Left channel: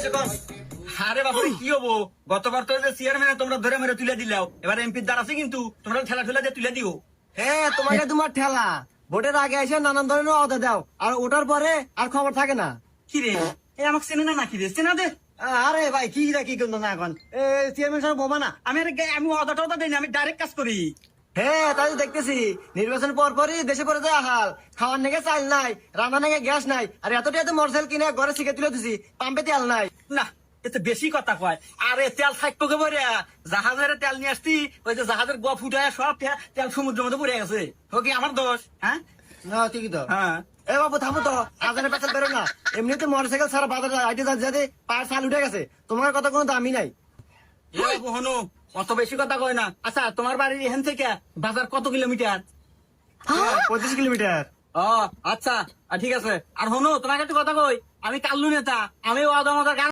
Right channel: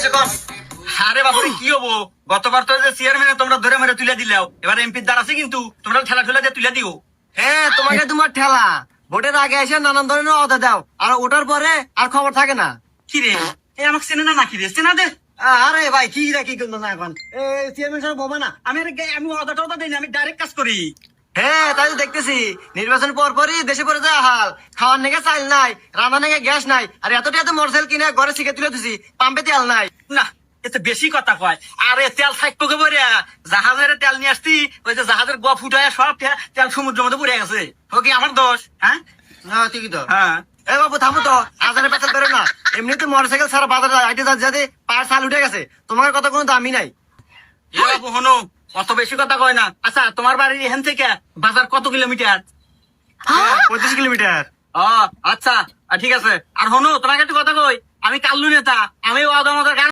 আরে বাবু কি হবো, গতবার তো চেয়ারম্যান তোমরা ধরে মেরে তুলে দিলাও, এবার এমপির দ্বার আছে কিন্তু তোমরা ঠেলা ঠেলা দিয়ে তুলে দিও। হ্যাঁ, তোমাকে তোমার ঠেলা ভোটের আগে এসে নানান ধরনের অদা দাও, আর ওটার পরে আর খবর থাকে না। কি রে এ আমাকে চেনে না নাকি রে, চেনা দে। আরে ভাই কি রে, কি করলো না এখন চেয়ারম্যান সাহেব বোমা না। আমি অদা টদা দিই না, আমি ডাইরেক্ট কাজ করি। হ্যাঁ, তাই তো দেখতেছি নির্বাচন পর পরই দেশে পড়ে যায় হাল। খাওয়ার নেগে চাল নাই, রান্না নেগে গ্যাস নাই, আর এতটা এত মোটরসাইকেল কিনে ঘরে শিখে তুলে দিছি, পাম্পে তেল নাই। না এতে বেশি কথা কয়। আরে তেল থাকবো কে বলে, জাহাজের তেল নিয়ে আসছি, ওই যে জাহাজের গ ফুটায় সব তেল সমুদ্রের মধ্যে পড়ে গেছে। ও কি আমার দোষ? হ্যাঁ হ্যাঁ, ঠিকই তো। হ্যাঁ এ বাবু থামো তো, আজারে পেছাল করে না। এমনিতে মোটরসাইকেল সারা বাজারে আইতে যাতে পার সাল উঠে গেছে, তোমার কথা কোনো দামি নাই। এ বাবু হনো, অত বেশি কথা কয় না। আচ্ছা তোমার বাড়ির এখান থেকে বাজার কত কিলোমিটার? 25 কিলোমিটার। ও আচ্ছা, ঠিক আছে। আর হনো তোমাকে একটু কথা কই, আমি কাল্লু নেতা, আমি